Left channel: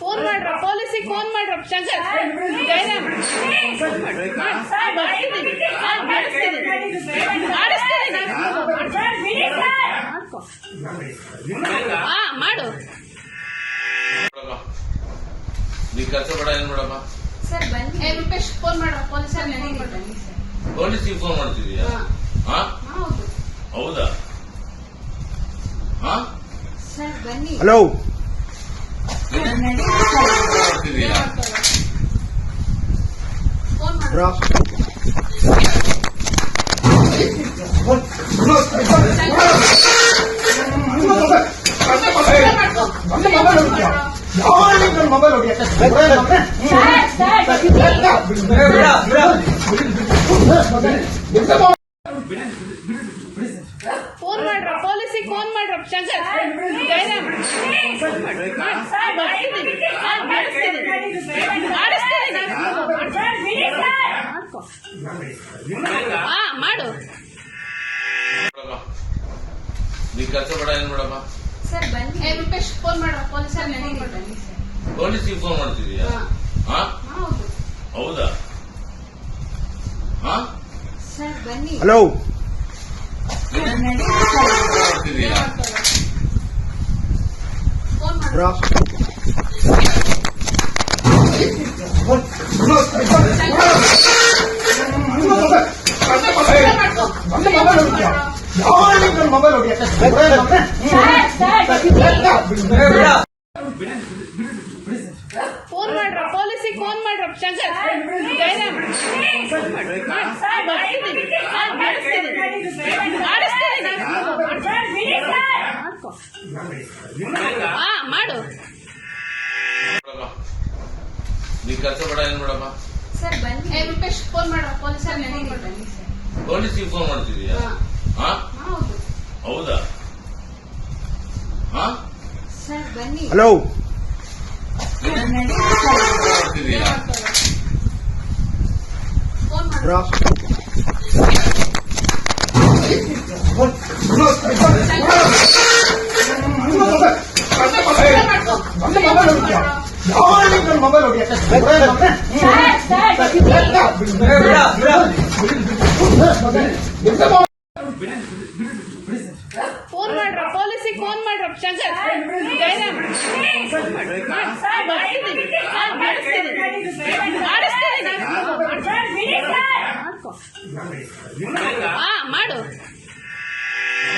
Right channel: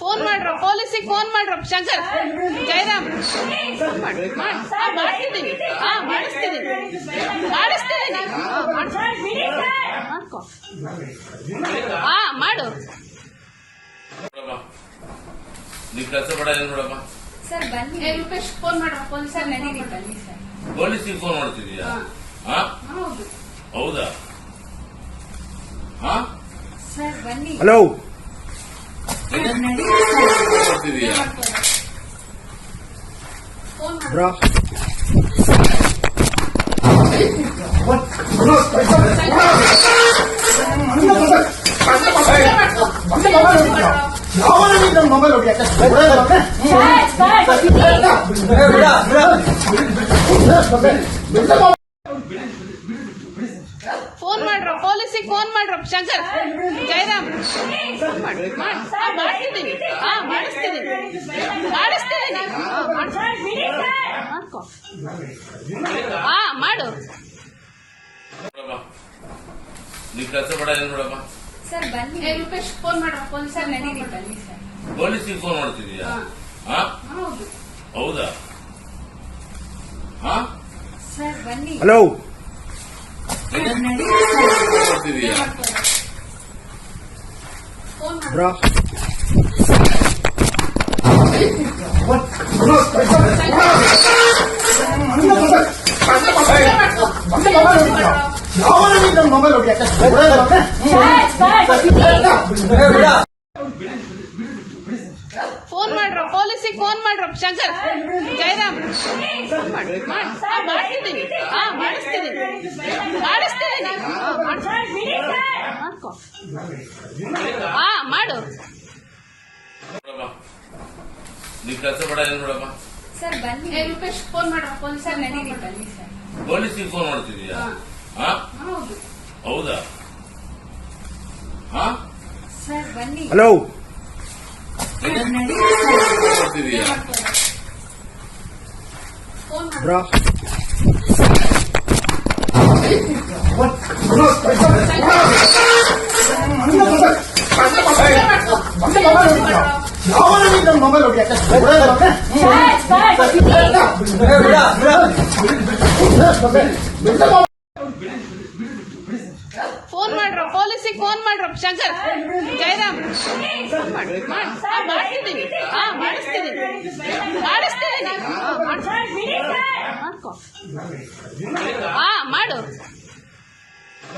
phone ಮಾಡ್ರ ಪೊಲೀಸಿಗೆ phone ಮಾಡ್ರ ಶಂಕರ್ ಜಯರಾಮ್ ಬರ್ತಿದ್ದೀವಿ ಮಾಡ್ಕೊ ಮಾಡು ನೀವು ಕೆಲಸ ಬೇಡ ಏನು ನೋಡಮ್ಮ ಸರ್ ಬನ್ನಿ ರೂಪೇಶ್ ಫೋನ್ ಮಾಡ್ರ ಪೊಲೀಸಿಗೆ ಫೋನ್ ಮಾಡ್ತಿದ್ದೀಯಾ ಹೌದು ಹೌದಾ ಸರ್ ಬನ್ನಿ ಹಲೋ ಬ್ರೋ ಮೊಬೈಲ್ ಫೋನ್ ಮಾಡ್ರ ಪೊಲೀಸಿಗೆ ಫೋನ್ ಮಾಡ್ರ ಶಂಕರ್ ಜಯರಾಮ್ ಬರ್ತಿದ್ದೀವಿ ಮಾಡ್ಕೊ ಮಾಡು ನೀವು ಕೆಲಸ ಬೇಡ ಏನು ನೋಡಮ್ಮ ಸರ್ ಬನ್ನಿ ರೂಪೇಶ್ ಫೋನ್ ಮಾಡ್ರ ಪೊಲೀಸಿಗೆ ಫೋನ್ ಮಾಡ್ತಿದ್ದೀಯಾ ಹೌದು ಹೌದಾ ಸರ್ ಬನ್ನಿ ಹಲೋ ಬ್ರೋ ಫೋನ್ ಮಾಡ್ರ ಪೊಲೀಸಿಗೆ ಫೋನ್ ಮಾಡ್ರ ಶಂಕರ್ ಜಯರಾಮ್ ಬರ್ತಿದ್ದೀವಿ ಮಾಡ್ಕೊ ಮಾಡು ನೀವು ಕೆಲಸ ಬೇಡ ಏನು ನೋಡಮ್ಮ ಸರ್ ಬನ್ನಿ ರೂಪೇಶ್ ಫೋನ್ ಮಾಡ್ರ ಪೊಲೀಸಿಗೆ ಫೋನ್ ಮಾಡ್ತಿದ್ದೀಯಾ ಹೌದು ಹೌದಾ ಸರ್ ಬನ್ನಿ ಹಲೋ ಬ್ರೋ ಫೋನ್ ಮಾಡ್ರ ಪೊಲೀಸಿಗೆ ಫೋನ್ ಮಾಡ್ರ ಶಂಕರ್ ಜಯರಾಮ್ ಬರ್ತಿದ್ದೀವಿ ಮಾಡ್ಕೊ ಮಾಡು